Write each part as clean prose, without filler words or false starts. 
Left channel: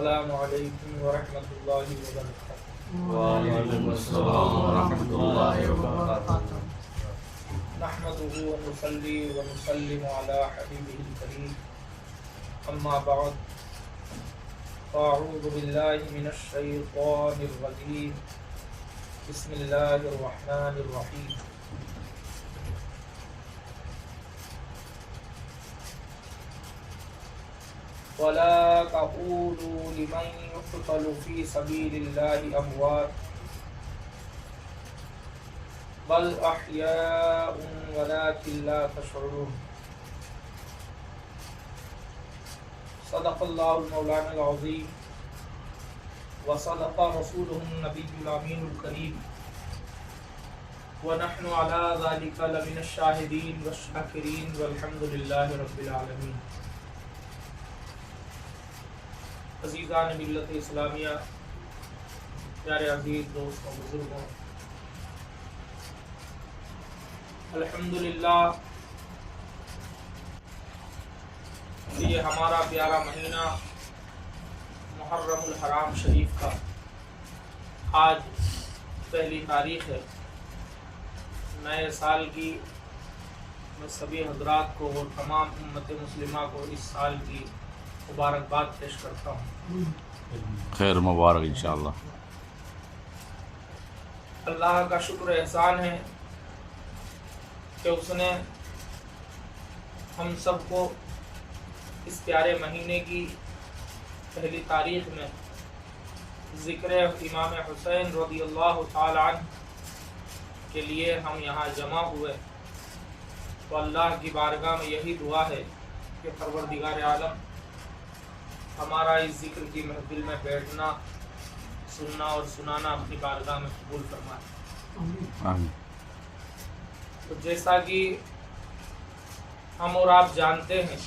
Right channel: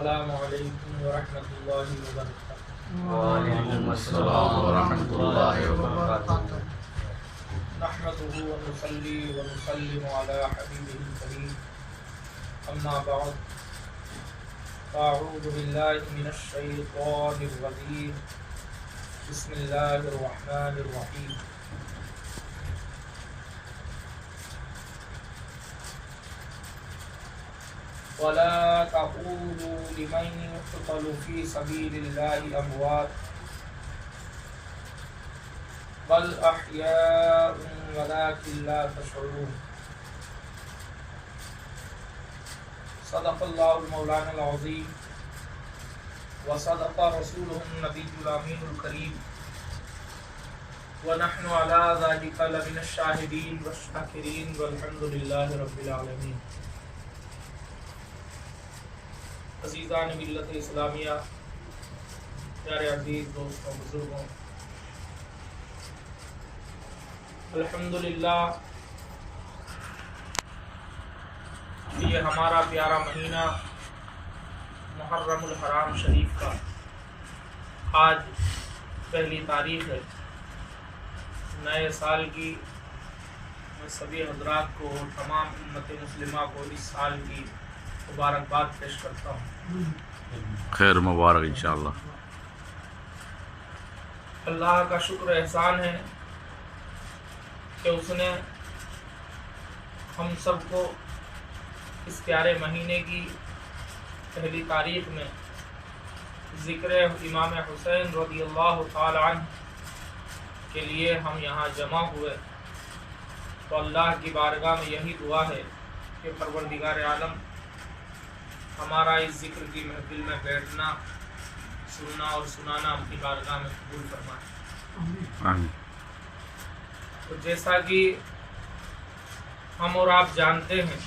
السلام علیکم ورحمۃ اللہ وبرکاتہ۔ وعلیکم السلام ورحمۃ اللہ وبرکاتہ۔ نحمده ونصلي ونسلم على حبيبه الكريم، اما بعد، فاعوذ بالله من الشيطان الرجيم، بسم الله الرحمن الرحيم۔ ولا تقولوا لمن يقتل في سبيل الله أموات بل أحياء ولكن لا تشعرون۔ صدق الله المولانا العظيم وصدق رسوله النبي الأمين الكريم، ونحن على ذلك لمن الشاهدين والشاكرين والحمد لله رب العالمين۔ عزیزان ملت اسلامیہ، پیارے عزیز دوستوں، بزرگوں، الحمدللہ یہ ہمارا پیارا مہینہ محرم الحرام شریف کا آج پہلی تاریخ ہے۔ نئے سال کی میں سبھی حضرات کو اور تمام امت مسلمہ کو اس سال کی مبارکباد پیش کرتا ہوں۔ خیر مبارک انشاءاللہ۔ اللہ کا شکر احسان ہے کہ اس نے ہم سب کو اس پیارے مہینے کی پہلی تاریخ میں ذکر امام حسین رضی اللہ تعالی عنہ کے لیے ہم یہاں جمع ہوئے، تو اللہ کی بارگاہ میں یہی دعا ہے کہ پروردگار عالم ہمارا اس ذکر کی محفل میں بیٹھنا، سننا اور سنانا اپنی بارگاہ میں قبول فرمائے۔ آمین۔ تو جیسا کہ ہم اور آپ جانتے ہیں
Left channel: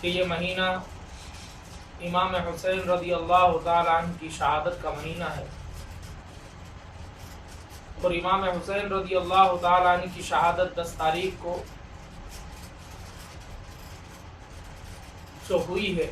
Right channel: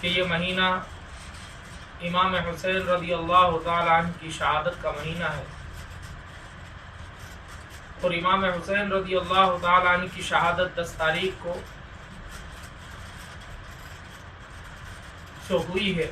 کہ یہ مہینہ امام حسین رضی اللہ تعالی عنہ کی شہادت کا مہینہ ہے، اور امام حسین رضی اللہ تعالی عنہ کی شہادت 10 تاریخ کو جو ہوئی ہے،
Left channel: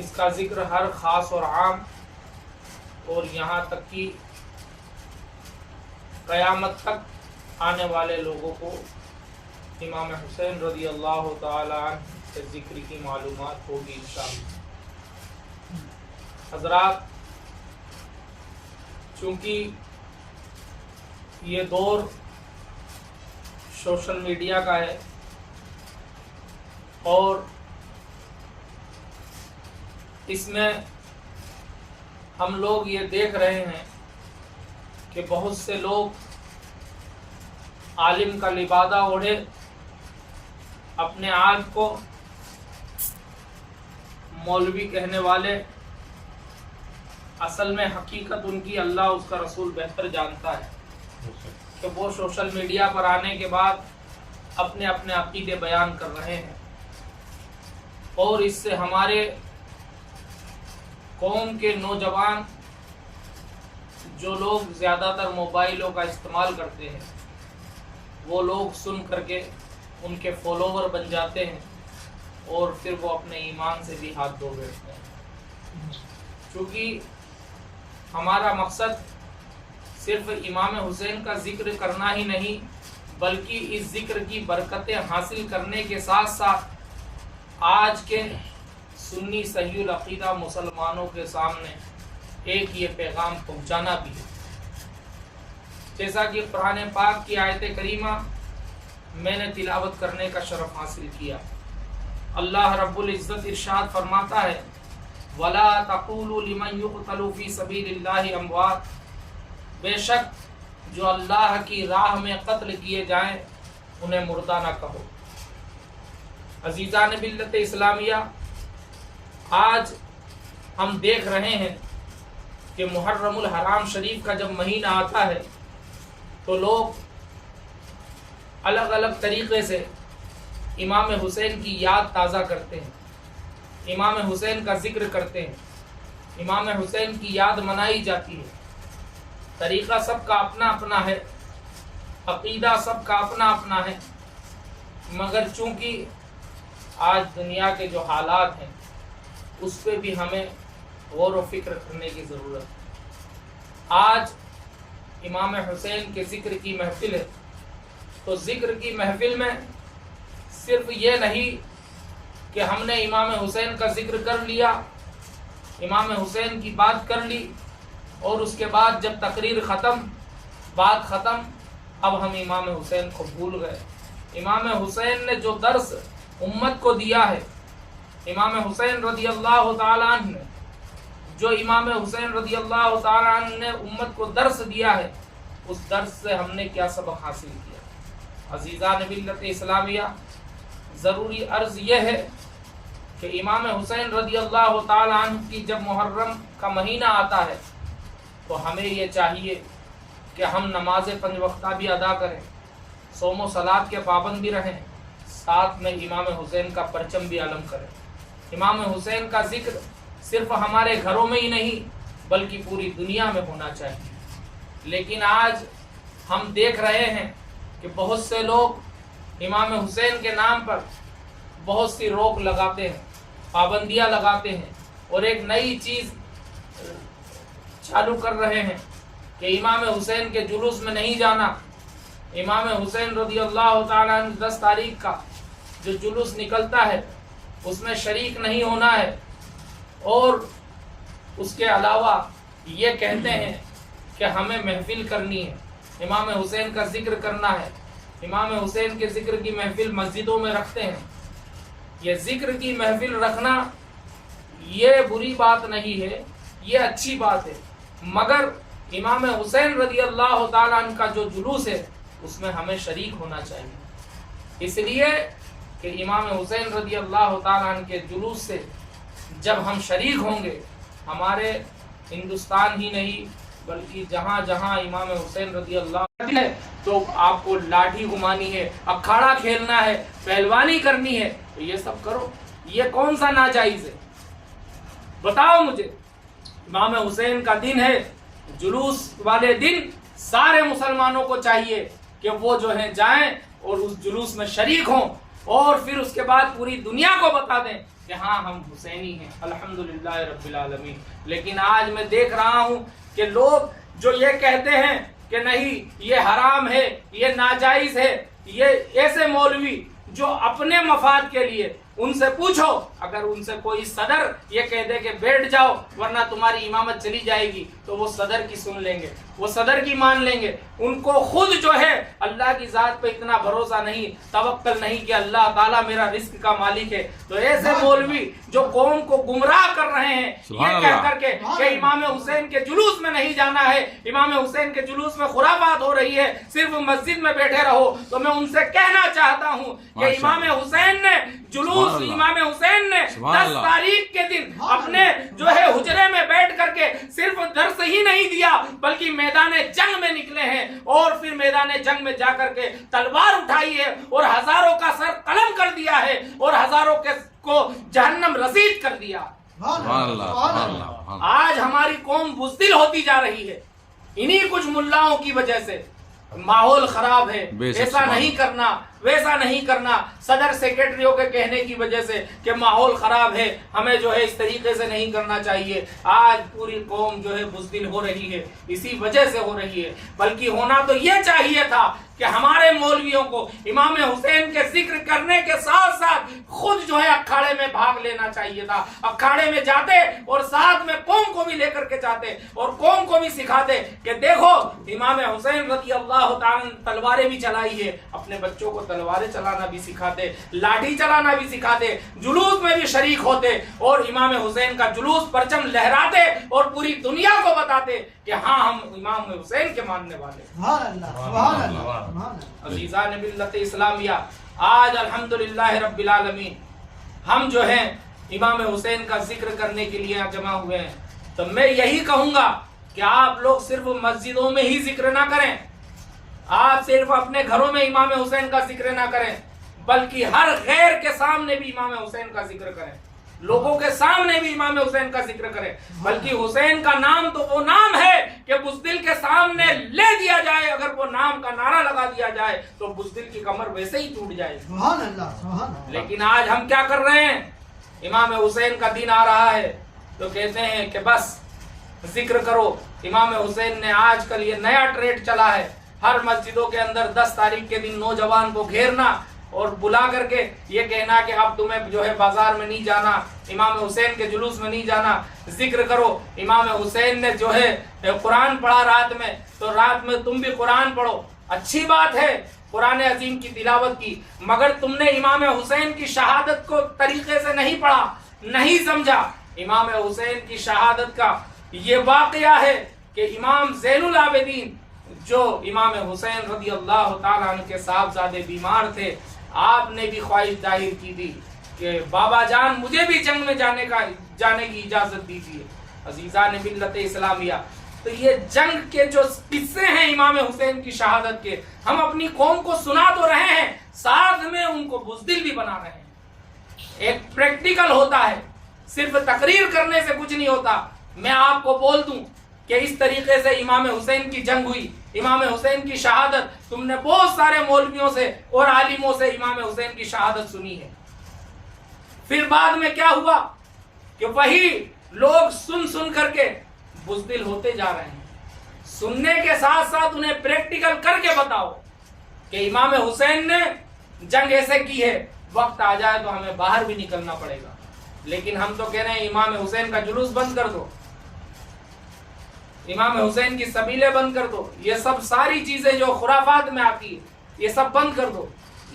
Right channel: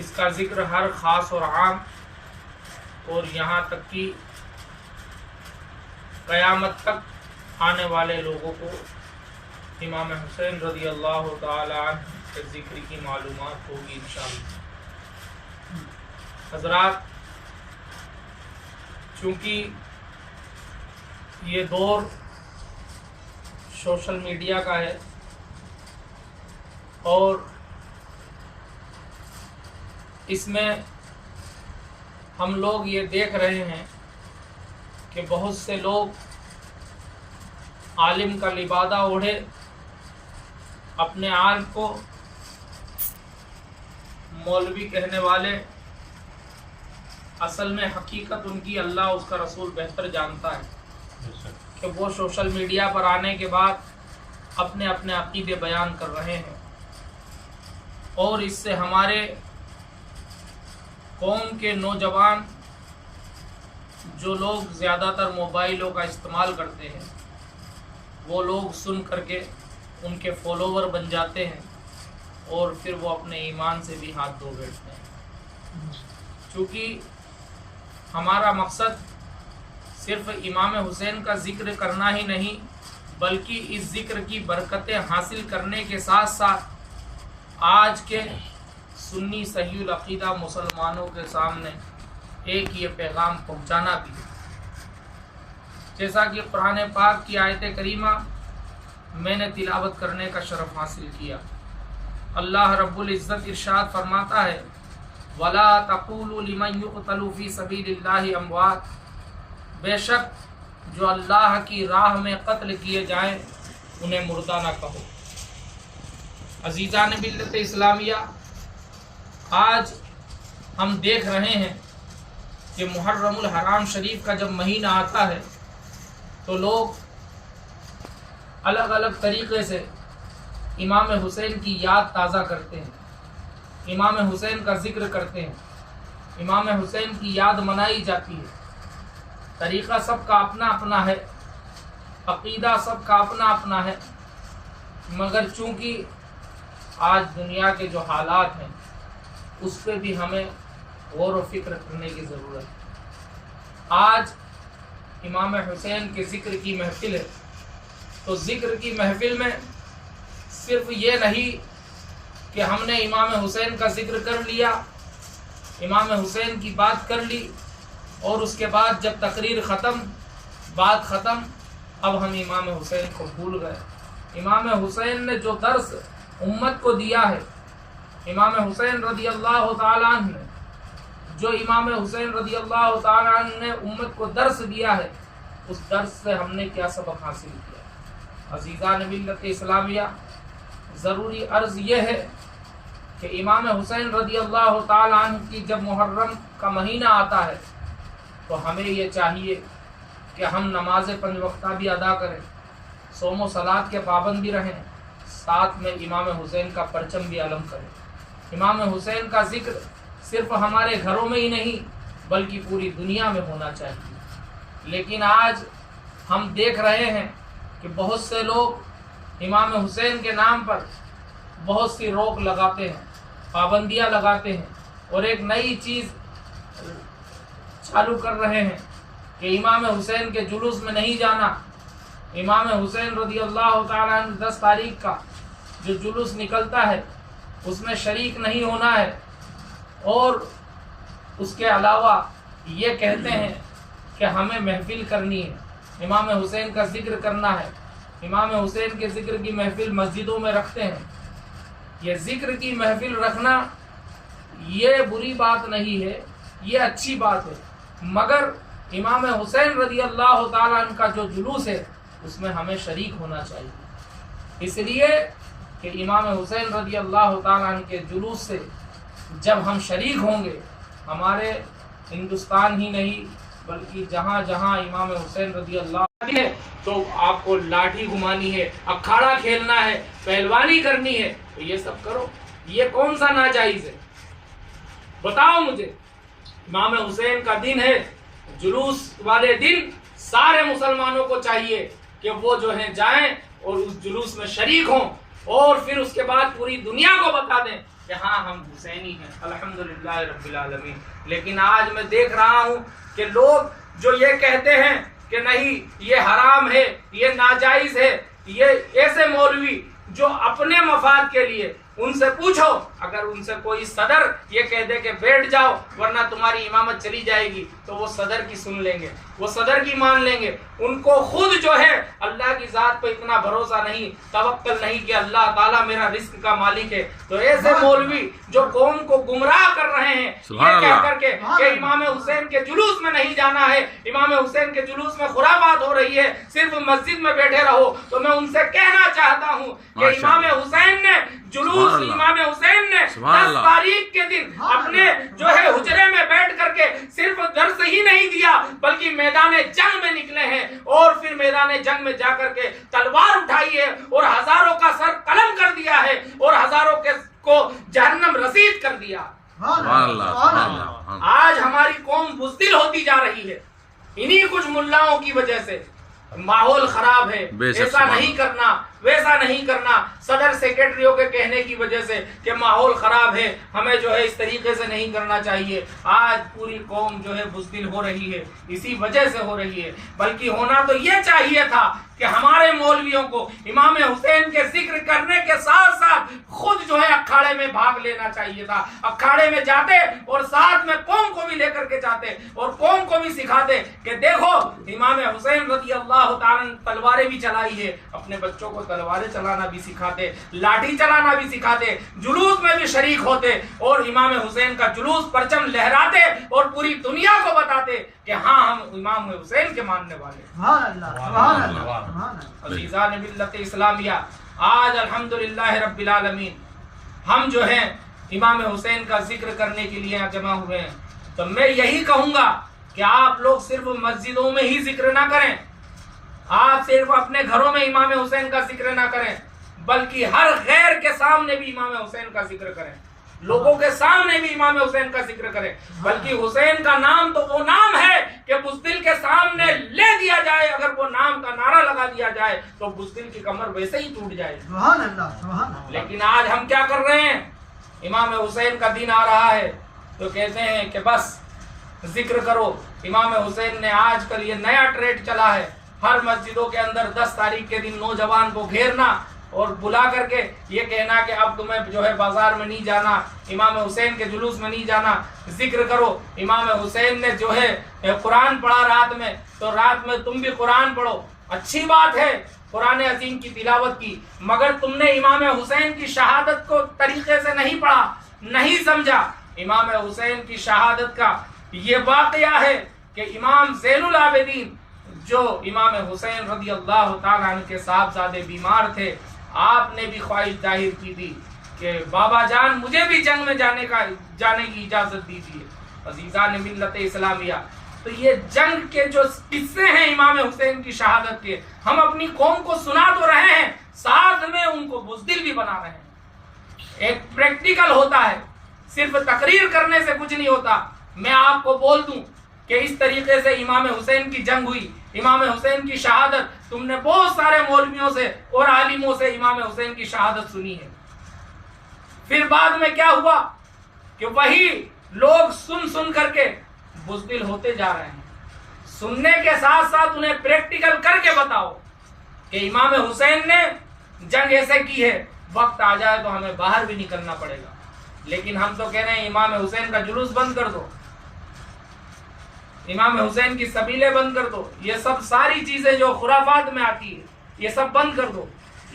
اس کا ذکر ہر خاص اور عام اور یہاں تک کہ قیامت تک آنے والے لوگوں کو امام حسین رضی اللہ تعالی عنہ کے ذکر کی معلومات ہوگی انشاءاللہ۔ حضرات، چونکہ یہ دور سوشل میڈیا کا ہے اور اس میں ہم لوگ یہ دیکھ رہے ہیں کہ بہت سے لوگ عالم کا لبادہ اوڑھے اپنے آپ کو مولوی کہنے والے، اصل میں حقیقت ان کی اللہ اس کا رسول بہتر جانتا ہے کہ وہ سوشل میڈیا پر آنے کے بعد اپنے عقیدے بیان کر رہے ہیں، اور اس سے ہمارے قوم کے نوجوان جو لوگ زیادہ تر موبائلوں کا استعمال کرتے ہیں، وہ لوگ سن کر کے ان کے فالوور بن جاتے ہیں اور پھر وہ اپنے ایمان سے بھی ہاتھ دھو بیٹھتے ہیں۔ چونکہ ہمارا مقصد صرف امام حسین کا ذکر کرنا ہی نہیں، بلکہ اس ذکر کی برکتیں حاصل کرنے کے ساتھ ساتھ آج کے سنی صحیح العقیدہ مسلمانوں کے سامنے ایک یہ پیغام پہنچانا بھی ہے۔ جیسا کہ قرآن پاک کی آیت کریمہ میں نے تلاوت کرنے کا شرف حاصل کیا، اللہ رب العزت ارشاد فرماتا ہے، وَلَا تَقُولُوا لِمَنْ يُقْتَلُ فِي سَبِيلِ اللَّهِ أَمْوَاتٌ، بے شک جو اللہ کی راہ میں قتل کیے جائیں انہیں مردہ نہ کہو۔ عزیزان ملت اسلامیہ، آج ہم دیکھ رہے ہیں کہ محرم الحرام شریف کا جب مہینہ آتا ہے تو لوگ الگ الگ طریقے سے امام حسین کی یاد تازہ کرتے ہیں، امام حسین کا ذکر کرتے ہیں، امام حسین کی یاد منائی جاتی ہے۔ طریقہ سب کا اپنا اپنا ہے، عقیدہ سب کا اپنا اپنا ہے، مگر چونکہ آج دنیا کے جو حالات ہیں اس پہ بھی ہمیں غور و فکر کرنے کی ضرورت ہے۔ آج امام حسین کے ذکر کی محفل ہے، تو ذکر کی محفل میں صرف یہ نہیں کہ ہم نے امام حسین کا ذکر کر لیا، امام حسین کی بات کر لی، اور اس کے بعد جب تقریر ختم، بات ختم، اب ہم امام حسین کو بھول گئے۔ امام حسین نے جو درس امت کو دیا ہے، امام حسین رضی اللہ تعالیٰ عنہ نے جو امام حسین رضی اللہ تعالیٰ عنہ نے امت کو درس دیا ہے، اس درس سے ہم نے کیا سبق حاصل کیا؟ عزیزان ملت اسلامیہ، ضروری عرض یہ ہے کہ امام حسین رضی اللہ تعالیٰ عنہ کی جب محرم کا مہینہ آتا ہے تو ہمیں یہ چاہیے کہ ہم نماز 5 وقتہ بھی ادا کریں، صوم و صلات کے پابند بھی رہیں، ساتھ میں امام حسین کا پرچم بھی علم کریں۔ امام حسین کا ذکر صرف ہمارے گھروں میں ہی نہیں بلکہ پوری دنیا میں ہونا چاہیے۔ لیکن آج ہم دیکھ رہے ہیں کہ بہت سے لوگ امام حسین کے نام پر بہت سی روک لگاتے ہیں، پابندیاں لگاتے ہیں، اور ایک نئی چیز چالو کر رہے ہیں کہ امام حسین کے جلوس میں نہیں جانا، امام حسین رضی اللہ تعالیٰ عنہ 10 تاریخ کا جو جلوس نکلتا ہے اس میں شریک نہیں ہونا ہے، اور اس کے علاوہ یہ کہتے ہیں کہ ہمیں محفل کرنی ہے، امام حسین کا ذکر کرنا ہے، امام حسین کے ذکر کی محفل مسجدوں میں رکھتے ہیں۔ یہ ذکر کی محفل رکھنا یہ بری بات نہیں ہے، یہ اچھی بات ہے، مگر امام حسین رضی اللہ تعالیٰ عنہ کا جو جلوس ہے اس میں ہمیں شریک ہونا چاہیے، اس لیے کہ امام حسین رضی اللہ تعالیٰ عنہ کے جلوس سے جب ہم شریک ہوں گے، ہمارے ہندوستان ہی نہیں بلکہ جہاں جہاں امام حسین رضی اللہ ہے تو آپ کو لاٹھی گھمانی ہے، اکھاڑا کھیلنا ہے، پہلوانی کرنی ہے، تو یہ سب کرو۔ یہ کون سا ناجائز ہے؟ بتاؤ مجھے۔ امام حسین کا دن ہے، جلوس والے دن سارے مسلمانوں کو چاہیے کہ وہ جو ہیں جائیں اور اس جلوس میں شریک ہوں، اور پھر اس کے بعد پوری دنیا کو بتا دیں کہ ہاں ہم حسینی ہیں، الحمدللہ رب العالمین۔ لیکن آج میں دیکھ رہا ہوں کہ لوگ جو یہ کہتے ہیں کہ نہیں یہ حرام ہے، یہ ناجائز ہے، یہ ایسے مولوی جو اپنے مفاد کے لیے، ان سے پوچھو، اگر ان سے کوئی صدر یہ کہہ دے کہ بیٹھ جاؤ ورنہ تمہاری امامت چلی جائے گی، تو وہ صدر کی سن لیں گے، وہ صدر کی مان لیں گے۔ ان کو خود جو ہے اللہ کی ذات پہ اتنا بھروسہ نہیں، توکل نہیں کہ اللہ تعالیٰ میرا رزق کا مالک ہے۔ تو ایسے مولوی جو قوم کو گمراہ کر رہے ہیں یہ کہہ کر کے کہ امام حسین کے جلوس میں نہیں جانا ہے، امام حسین کے جلوس میں خرافات ہو رہی ہے، صرف مسجد میں بیٹھے رہو، تو میں ان سے کہنا چاہتا ہوں کہ امام حسین نے جلوس، امام حسین نے 10 تاریخ کے دن اپنے جو ہے حجرے میں بیٹھ کر کے صرف درس ہی نہیں دیا بلکہ میدان جنگ میں نکلے ہیں، اور پھر میدان جنگ میں جا کر کے تلوار اٹھائی ہے اور ہزاروں کا سر قلم کر دیا ہے اور ہزاروں کو جہنم رسید کر دیا۔ آج ہماری قوم بزدل ہوتی جا رہی ہے انہی کچھ ملاؤں کی وجہ سے۔ ماحول خراب ہے، ایسا نہیں کرنا، ویسا نہیں کرنا، صدر سیکرٹریوں کے کہنے کی وجہ سے کہ ماحول خراب ہے، ہمیں جو ہے اس طریقے سے نہیں کرنا چاہیے۔ آج پوری قوم جو ہے بزدل ہو رہی ہے، اسی وجہ سے ہو رہی ہے۔ بلکہ ہونا تو یہ چاہیے تھا کہ ہمارے مولویوں کو امام حسین کے ذکر کرنے کے ساتھ ساتھ خود جو ہے اکھاڑے میں بھاگ لینا چاہیے تھا، اکھاڑے میں جاتے اور ساتھ میں قوم کو بھی لے کر کے جاتے اور قوم کو بھی سکھاتے کہ دیکھو امام حسین رضی اللہ تعالیٰ تلواریں بھی چلائی ہے، اپنے بچوں کو تلواریں چلانا بھی سکھاتے، لاٹھی چلانا بھی سکھاتے، جلوس میں بھی شریک ہوتے اور امام حسین کا جلوس پرچم لہراتے اور پوری دنیا کو بتاتے کہ ہاں ہم امام حسین کے ماننے والے ہیں۔ عزیزان ملت اسلامیہ، آج الحمدللہ رب العالمین ہم جو ہیں امام حسین کا ذکر کرنے کے لیے جمع ہوئے ہیں، تو میں یہی کہوں گا کہ آپ لوگ صرف مسجدوں میں ہی ذکر نہ کریں، آپ صرف اپنے گھروں میں امام حسین کا ذکر نہ کریں بلکہ ہر غیر کے سامنے بھی امام حسین کا ذکر کریں۔ لوگوں کے سامنے بھی امام حسین کا ذکر کرے، بلکہ حسین کا نام تو وہ نام ہے کہ بزدل کے سامنے لے دیا جائے، اگر وہ نام کا نعرہ لگا دیا جائے تو بزدل کی کمر ویسے ہی ٹوٹ جائے۔ سبحان اللہ، سبحان اللہ۔ لیکن آج ہم کیا کر رہے ہیں؟ امام حسین کا دن آ رہا ہے تو کہتے ہیں کہ بس ذکر کرو۔ امام حسین نے آج کل یہ نیا ٹریڈ چلا ہے، ہر مسجدوں کے اندر 10 تاریخ کے دن نوجوان کو گھیرنا اور بلا کر کے یہ کہنا کہ اب تمہیں جو ہے بازار میں نہیں جانا، امام حسین کے جلوس میں نہیں جانا، ذکر کرو۔ امام حسین نے جو ہے قرآن پڑھا رات میں، تو رات میں تم بھی قرآن پڑھو، اچھی بات ہے قرآن عظیم کی تلاوت کی، مگر تم نے امام حسین کی شہادت کو طریقے سے نہیں پڑھا، نہیں سمجھا۔ امام حسین کی شہادت کا یہ واقعہ ہے کہ امام زین العابدین جو امام حسین رضی اللہ تعالیٰ عنہ کے صاحبزادے بیمار تھے، آپ نے بھی خواہش ظاہر کی تھی کہ بابا جان مجھے بھی جنگ میں جانے کی اجازت دیجیے۔ عزیزان ملت اسلامیہ، تو یہ جنگ کے جو قصے ہیں امام حسین کی شہادت کے، ہم اپنی قوم کو سنا تو رہے ہیں، ساتھ میں ان کو بزدل بھی بنا رہے ہیں۔ ایک پریکٹیکل ہوتا ہے، صرف تقریر کرنے سے کچھ نہیں ہوتا۔ میں آپ کو بول دوں کہ اس طریقے سے امام حسین کی جنگ ہوئی، امام حسین کی شہادت، تم نے بہت سارے مولویوں سے اور عالموں سے امام حسین کی شہادت سنی ہے۔ پھر بعد میں کیا ہوا کہ وہی لوگ سن کر کے بزدل ہوتے جا رہے ہیں۔ سننے کے ساتھ ساتھ انہیں پریکٹیکل کر کے بتاؤ کہ امام حسین نے جنگ ایسے کی ہے، وقت آ جائے تو ہمیں باہر بھی نکلنا پڑے گا۔ لیکن ہم تو کہہ رہے ہیں امام حسین کا جلوس بند کر دو، امام حسین کی سبیلیں بند کر دو، یہ سب ساری چیزیں جو خرافات میں آتی ہے یہ سب بند کر دو۔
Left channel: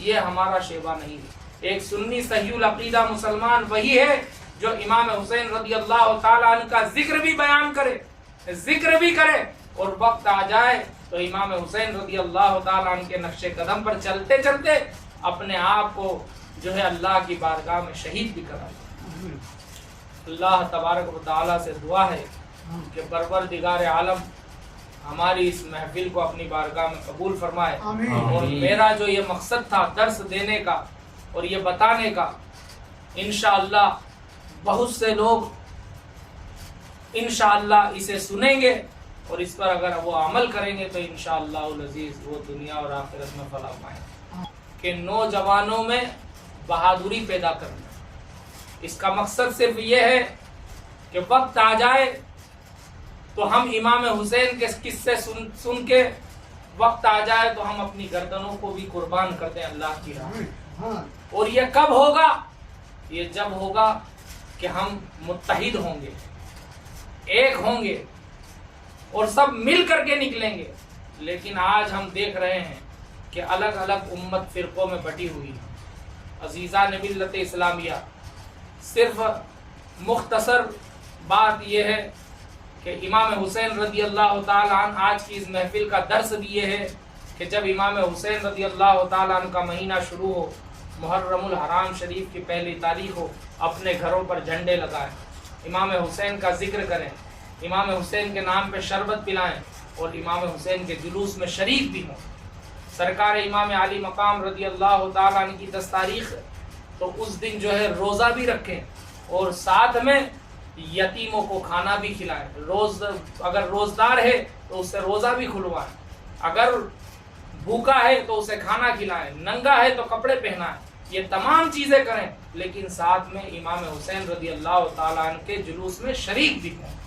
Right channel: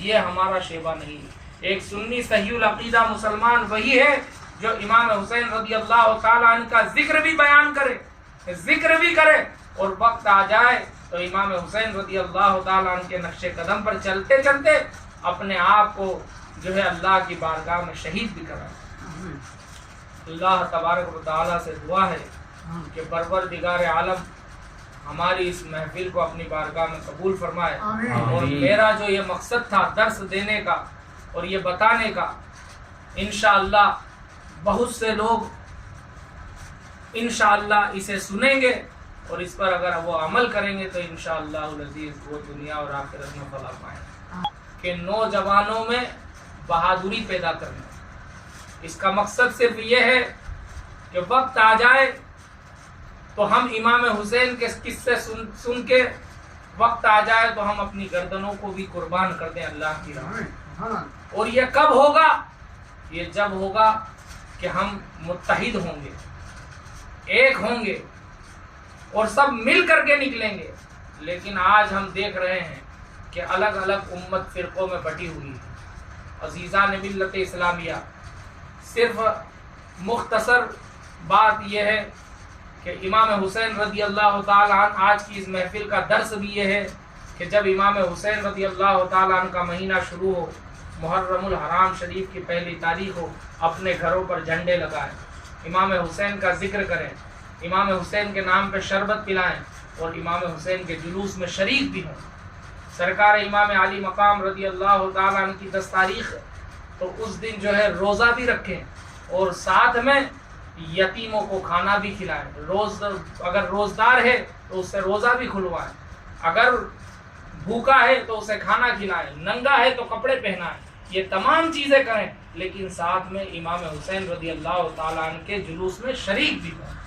یہ ہمارا شیبہ نہیں ہے۔ ایک سنی صحیح العقیدہ مسلمان وہی ہے جو امام حسین رضی اللہ تعالیٰ عنہ کا ذکر بھی بیان کرے، ذکر بھی کرے، اور وقت آ جائے تو امام حسین رضی اللہ تعالیٰ عنہ کے نقش قدم پر چلتے چلتے اپنے آپ کو جو ہے اللہ کی بارگاہ میں شہید بھی کرا دے۔ اللہ تبارک و تعالیٰ سے دعا ہے کہ پروردگار عالم ہماری اس محفل کو اپنی بارگاہ میں قبول فرمائے، اور میرا جو یہ مقصد تھا درس دینے کا اور یہ بتانے کا، انشاءاللہ بہت سے لوگ انشاءاللہ اسے سنیں گے اور اس پر اگر وہ عمل کریں گے تو انشاءاللہ العزیز وہ دنیا اور آخرت میں فلاح پائیں۔ کہ نوجوانوں میں بہادری پیدا کرنا، اس کا مقصد صرف یہ ہے کہ وقت آ جائے تو ہم امام حسین کے قصے سن کے وقت آ جائے تو ہم اپنی گردنوں کو بھی قربان کر دیں اللہ کی راہ میں۔ اور یہ کب ہوگا؟ یہ جب ہوگا کہ ہم متحد ہوں گے، ایک ہوں گے اور سب مل کر کے نکلیں گے۔ لیکن آج ہم دیکھ رہے ہیں کہ الگ الگ امت فرقوں میں بٹی ہوئی ہے۔ عزیزان ملت اسلامیہ، صرف مختصر بات یہ ہے کہ امام حسین رضی اللہ تعالیٰ عنہ، آج کی اس محفل کا درس بھی یہ ہے کہ جب امام حسین رضی اللہ تعالیٰ عنہ کا مہینہ شروع ہو، محرم الحرام شریف کی پہلی تاریخ ہو، اپنے گھروں پر جھنڈے لگائیں، امام حسین کا ذکر کریں، امام حسین کے نام پہ شربت پلائیں اور امام حسین کے جلوس میں شریک بھی ہوں۔ سرکار امام علی مقام رضی اللہ تعالیٰ عنہ کی 10 تاریخ تو اس دن جو ہے روزہ بھی رکھیں اور ساتھ میں یتیموں کو کھانا بھی کھلائیں۔ اگر روزدار ہے تو اس سے روزہ بھی کھلوائیں، اگر بھوکا ہے تو اسے کھانا کھلائیں، ننگا ہے تو کپڑے پہنائیں، یہ تمام چیزیں کریں، لیکن ساتھ میں امام حسین رضی اللہ تعالیٰ عنہ کے جلوس میں شریک بھی ہوں۔